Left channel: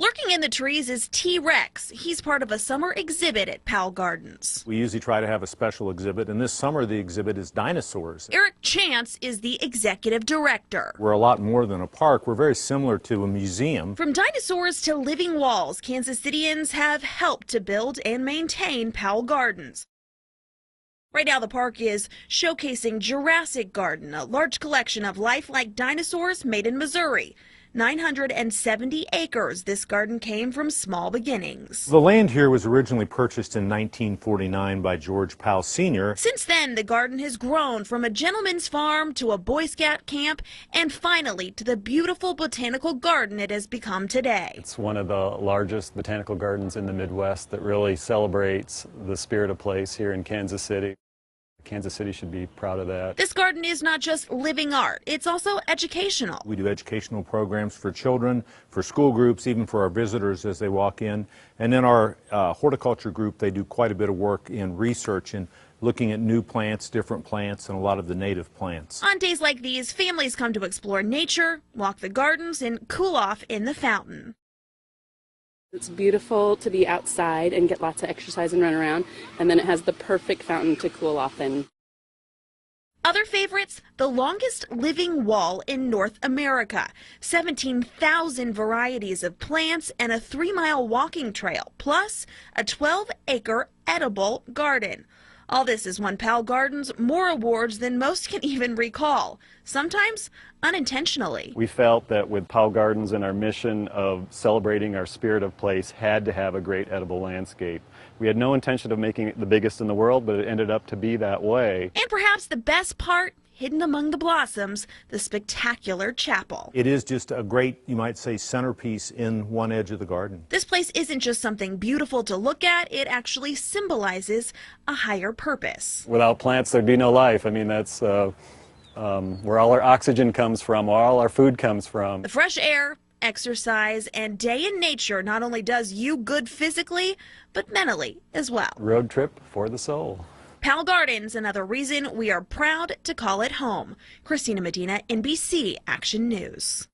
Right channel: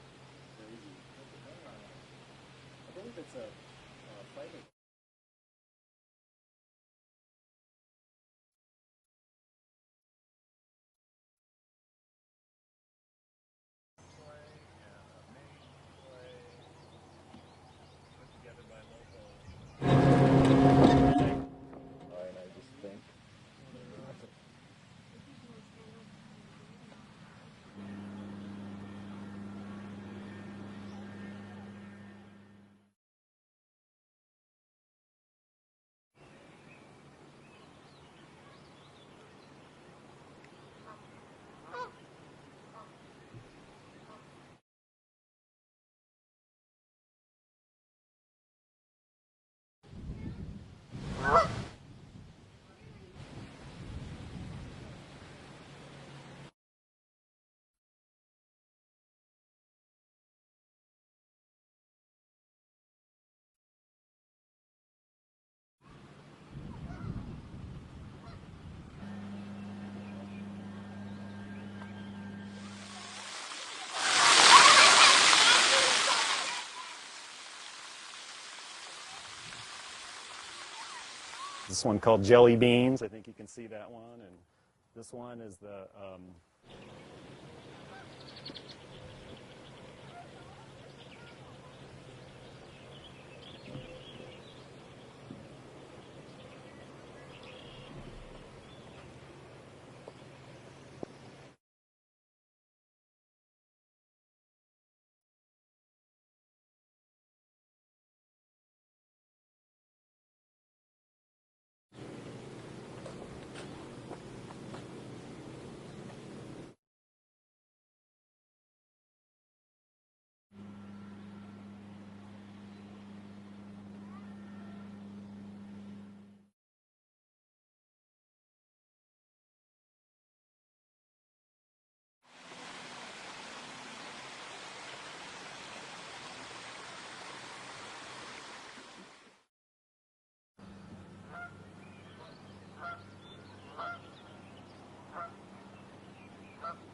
Lurking in the trees is T-Rex. He's part of a summer exhibit at Powell Gardens. We usually try to have a special exhibit, and this summer the exhibit is dinosaurs. Eric Chance is the executive director. We're a lot more than a park. We're very similar to a museum. From dinosaurs to living walls, Kansas Cityans have helped to build and maintain Powell Gardens. Right now the park is showcasing Jurassic Garden, a large collection of lifelike dinosaurs made in Missouri. 970 acres, this garden came from small beginnings. The land here was originally purchased in 1949 by George Powell Sr. Since then, the garden has grown from a gentleman's farm to a Boy Scout camp and finally to the beautiful botanical garden it has become today. It's one of the largest botanical gardens in the Midwest that really celebrates the spirit of place here in Kansas City. Kansas City should be proud of that. This garden is not just living art, it's also educational. We do educational programs for children, for school groups, even for our visitors as they walk in. And then our horticulture group, they do quite a bit of work in research and looking at new plants, different plants, and a lot of the native plants. On days like these, families come to explore nature, walk the gardens, and cool off in the fountain. It's beautiful to be outside and get lots of exercise and run around, and then it has the perfect fountain to cool off in. This one called Jelly Beans. Other favorites, the longest living wall in North America, 17,000 varieties of plants and a 3-mile walking trail, plus a 12-acre edible garden. All this has won Powell Gardens more awards than most can even recall, sometimes unintentionally. We felt that with Powell Gardens and our mission of celebrating our spirit of place had to have a great edible landscape. We had no intention of making it the biggest in the world, but it ended up to be that way. And perhaps the best part, hidden among the blossoms, the spectacular chapel. It is just a great, you might say, centerpiece in one edge of the garden. This place isn't just something beautiful to look at, it actually symbolizes a higher purpose. Without plants, there'd be no life. I mean, that's where all our oxygen comes from, where all our food comes from. The fresh air, exercise, and day in nature not only does you good physically, but mentally as well. Road trip for the soul. Powell Gardens, another reason we are proud to call it home. Christina Medina, NBC Action News.